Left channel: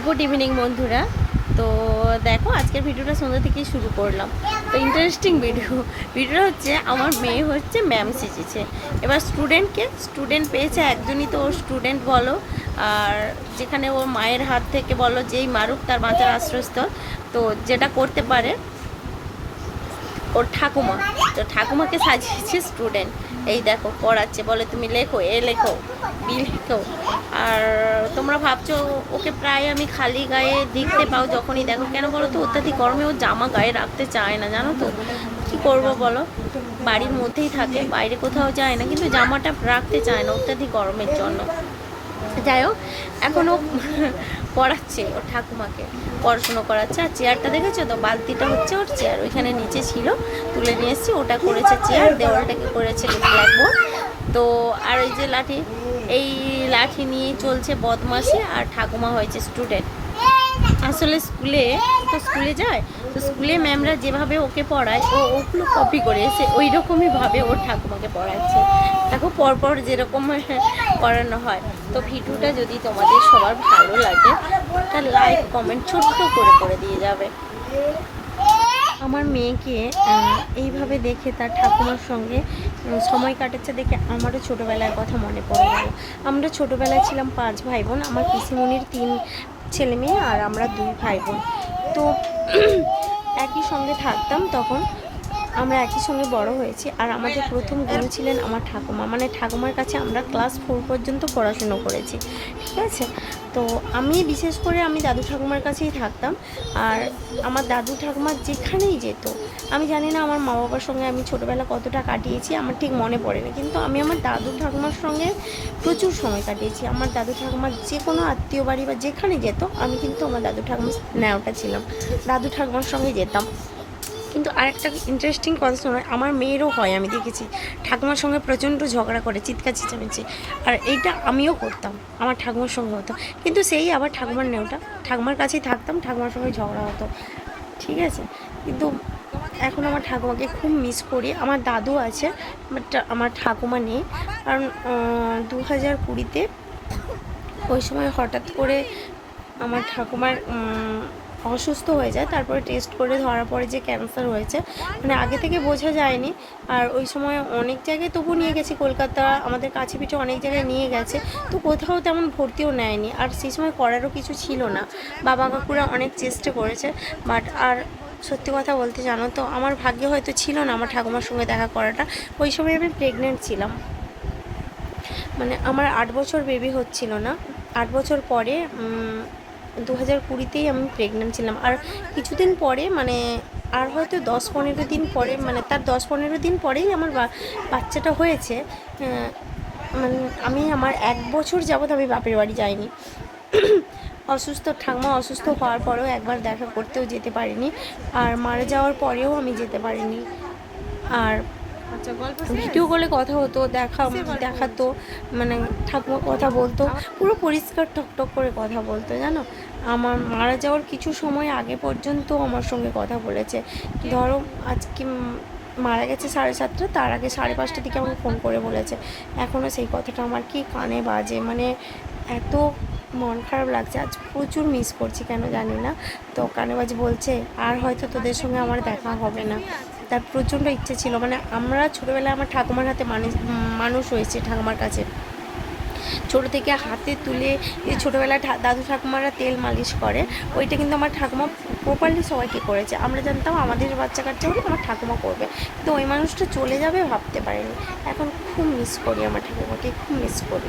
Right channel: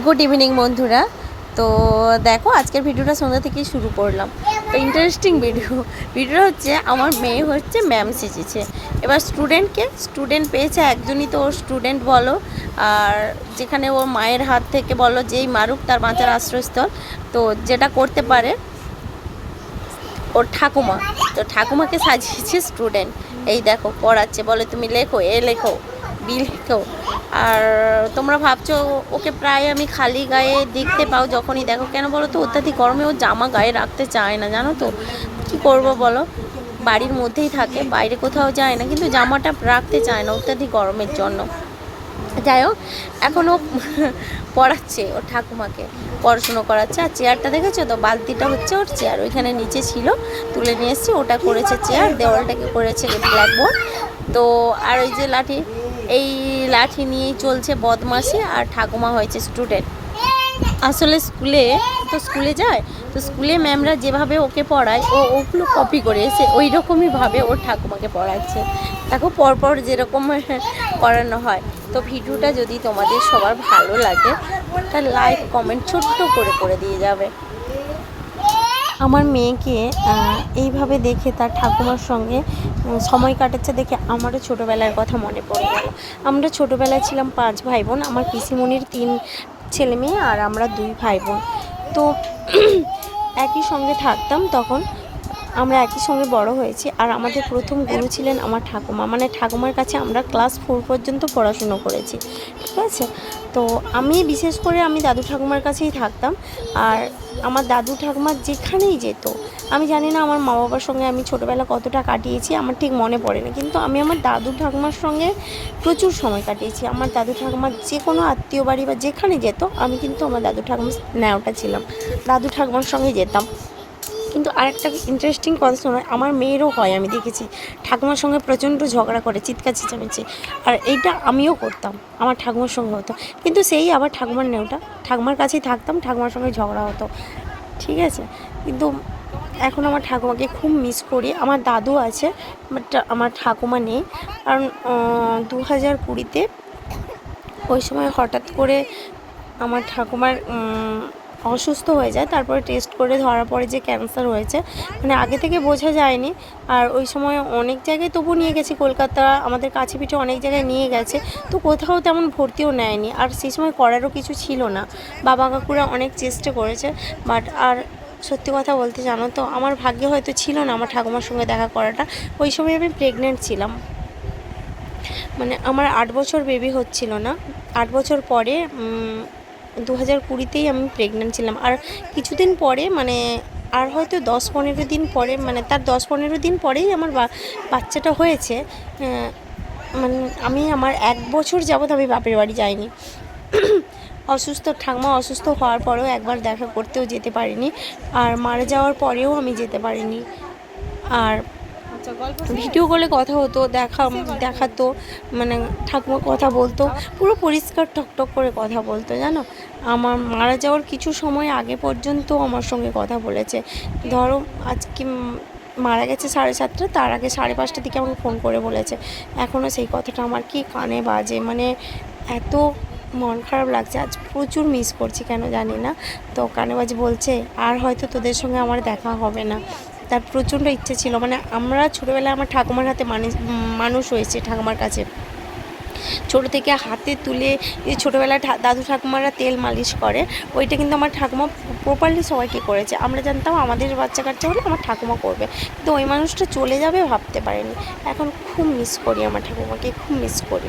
Good evening বন্ধুরা। তো দেখো, আজকের ভিডিওটা সন্ধ্যা থেকেই শুরু করলাম। তো ইন্টারেস্টিং ভিডিও ভিডিওটা হচ্ছে, আমার মেয়ে হচ্ছে ম্যাম শিখেছে। এবার স্টুডেন্টকে স্টুডেন্ট পেয়েছে একজনই তো ওর স্টুডেন্ট বলো। আর যেখানে ওর মায়ের হাত থেকে বলো, যেই মারুক তার বাঁচার আশ্রয়স্থল। তো যেটা করতে পারে, ওর ঠাকুমা। তো ঠাকুমাকে সাজিয়েছে স্টুডেন্ট এই দেখো, পড়াচ্ছে। বলে, তুমি লেখো, এ লেখো। বি লেখো আর তোমরা ভাবছ, ওকে প্রায় আমি খালি গায়ে দেখতে পাও যখনই দেখো। কেন বলো তো? অত্যাধিক গরমে ও জামা গায়ে রাখতে চায় না, জানো তো? কি করব বলো? বাড়ির মধ্যেই থাকে, বাইরে কোথাও যায় না, কিন্তু জামাটা রাখতে চায় না অত্যাধিক গরমের জন্য। যাই হোক এখনও পড়াচ্ছে ওর ঠাকুমাকে, পড়াশুনো করাচ্ছে। আর চেয়ারটা দেখেছ তো? বালতিটা হচ্ছে ওর চেয়ার, ওইখানে নিচে ছিল, তুলে নিয়ে এসেছি, ওটা করেছে চেয়ার, দেওয়ালটাকে করেছে ব্ল্যাকবোর্ড তো, আর ওই যে লাঠি এই লাঠি নিয়ে চলছে বদমাসি আর ঠাকুমা হয়েছে স্টুডেন্ট আসলে স্কুলে, তো স্কুলে যায়, তো স্কুলে ম্যামরা যেভাবে ওকে পড়ায়, ও ওগুলো কপি করে এসে ওই রকমই ভাবে ওর ঠাকুমাকে পড়াচ্ছে। দেখো পরপর যেরকম করানো হয়। তো ভিডিওটা যদি তোমাদের সবার ভালো লাগে তা লাইক কমেন্ট ছোট্ট করে করে দিয়ে যাবে। আমার মেয়েকে এইভাবে দেখে তার ঠাকুমার সঙ্গে সময় কাটাচ্ছে দেখে আমারও ছোটোবেলার কথা মনে পড়ে গেল। আমরা ছোটোবেলায় ছিলাম পাঁচ ভাই বোন আমার পিসিমণির তিন ছেলে মেয়ে আর আমরা দুই ভাই বোন তো একই সঙ্গে থাকতাম তখন আমরা একই সঙ্গে বড় হয়েছি আর আমাদের প্রথম গুরু ছিলেন আমার ঠাকুমা। মানে ঠাকুমার কাছে আমরা ক্লাস ফোর পর্যন্ত পড়াশুনো করেছি, ঠিক আছে? তো আমি বিশেষ করে আমি দাদু ঠাকুমার কাছেই থাকতাম আর আমার দাদু ঠাকুমা যেখানেই যেত, আমি জানি না আমার মা বাবার সঙ্গে আমি ছোটোবেলা কতটা কাটিয়েছি, আমার ঠিক মনে পড়েনি। কিন্তু আমি আমার দাদু ঠাকুমার সঙ্গে প্রচুর সময় কাটিয়েছি। আমার দাদু ঠাকুমার যে কোনো আত্মীয় বাড়ি বা যেখানে যেত, আমি কিন্তু আমার দাদু ঠাকুমার ন্যাওটা ছিলাম। দাদু ঠাকুমার সঙ্গে যেতাম। কিন্তু আরেকটা ইন্টারেস্টিং কথা শোনো, আমার মেয়েরও হয়, আমি দেখেছি। ঠাকুমার সঙ্গে প্রচণ্ড ঝগড়া করে, চিৎকার চেঁচামেচি। আর এইটা আমিও করতাম, আমার ঠাকুমার সঙ্গে হতো। কিন্তু সেই আবার ঠাকুমার নেওটা, ঠাকুমার কাছেই থাকতাম, ঠাকুমার সঙ্গে ঝগড়া হতো। ঠিক আছে? কিন্তু এখন আমার ঠাকুমাকে খুব মিস করি। আমার দাদু আছে বাট আমার ঠাকুমা নেই। কারণ দু হাজার কুড়িতে ওই সময় হঠাৎ করে আমার ঠাকুমার অসুস্থ হয়ে যায়, তারপরে টেস্ট করে ধরা পড়ে যে ক্যান্সার হয়েছে মানে আগে থেকে বোঝা যায়নি। আর ওই সময় অনেক জায়গায় তবু নিয়ে গেছি, কলকাতা, আমাদের কাছে পিঠে অনেক জায়গায় নিয়ে গেছে। তো কোথাও তেমন ভর্তিও নেয়নি, আর সেই সময় করারও কিছু ছিল না। বাবা কাকুরা অনেক চেষ্টা করেছে বাট আর সত্যি কথা বলতে জানো তো, আমার ভাগ্যে হয়তো ছিল না আমার ঠাকুমার সঙ্গে দেখা করাটা। ওই সময় আমি প্রেগনেন্ট ছিলাম। মানে আমার আট বছর বেবি হচ্ছিল না। আট বছর পরে দু হাজার কুড়িতেই আমি প্রেগনেন্ট ছিলাম। আর কিছুদিন পরে মানে আর হয়তো দশ পনেরো দিন পরে মানে তার দশ পনেরো দিন পরেই আমার বাচ্চাটা হয়েছে। মানে আমি আমার এক বছর যাবৎ আমি বাপের বাড়ি যাইনি। অসুস্থ, ঠাকুমা অসুস্থ হওয়ার পরেও একবার দেখা করতেও যেতে পারিনি। আর মারা যাওয়ার পরেও আমি যেতে পারিনি। আর ভিডিও কলে কথা হতো দেখা দেখাতো মানে ঠাকুমা কথা বলতো পুরো পরিষ্কার টকটক করে কথা বলতো জানো? আমার মারা যাওয়ার কিছু সময় আগে পর্যন্ত আমার সঙ্গে কথা বলেছে। ধরো আজকে মারা গেছে সাড়ে সাতটা তার আগে সাড়ে পাঁচটার দিকে আমাকে ফোন করে বলেছে। এখনও সেই কথাটা আমার কি কানে বাজে? মানে এত মন খারাপ লাগছে। আজ প্রচুর মিস করছি কেন জানি না। তো কানে বাজে বলছে, আর হয়তো তোদের সঙ্গে আমার দেখা হবে না। তার প্রচণ্ড ইচ্ছে ছিল। মানে আমরা ছোটোবেলায় আমার ঠাকুমার হাতে মানুষ মানুষ হয়েছে ঠাকুমার কাছে। ছোটো থেকে হাতে তুলে ছোটোবেলায় দাদু ঠাকুমারা তেল মালিশ করে। ওইটা কিন্তু আমার ঠাকুমা প্রপারলি সবাইকে করেছে। আমরা জানতাম আমাদের বাচ্চা কাচ্চা হলে আমার ঠাকুমা করবে। কিন্তু ওই মানুষটা চলে যাবে ভাবতে পারিনি। এখন খুব মিস করি আমার ঠাকুমাকে, খুব মিস করি।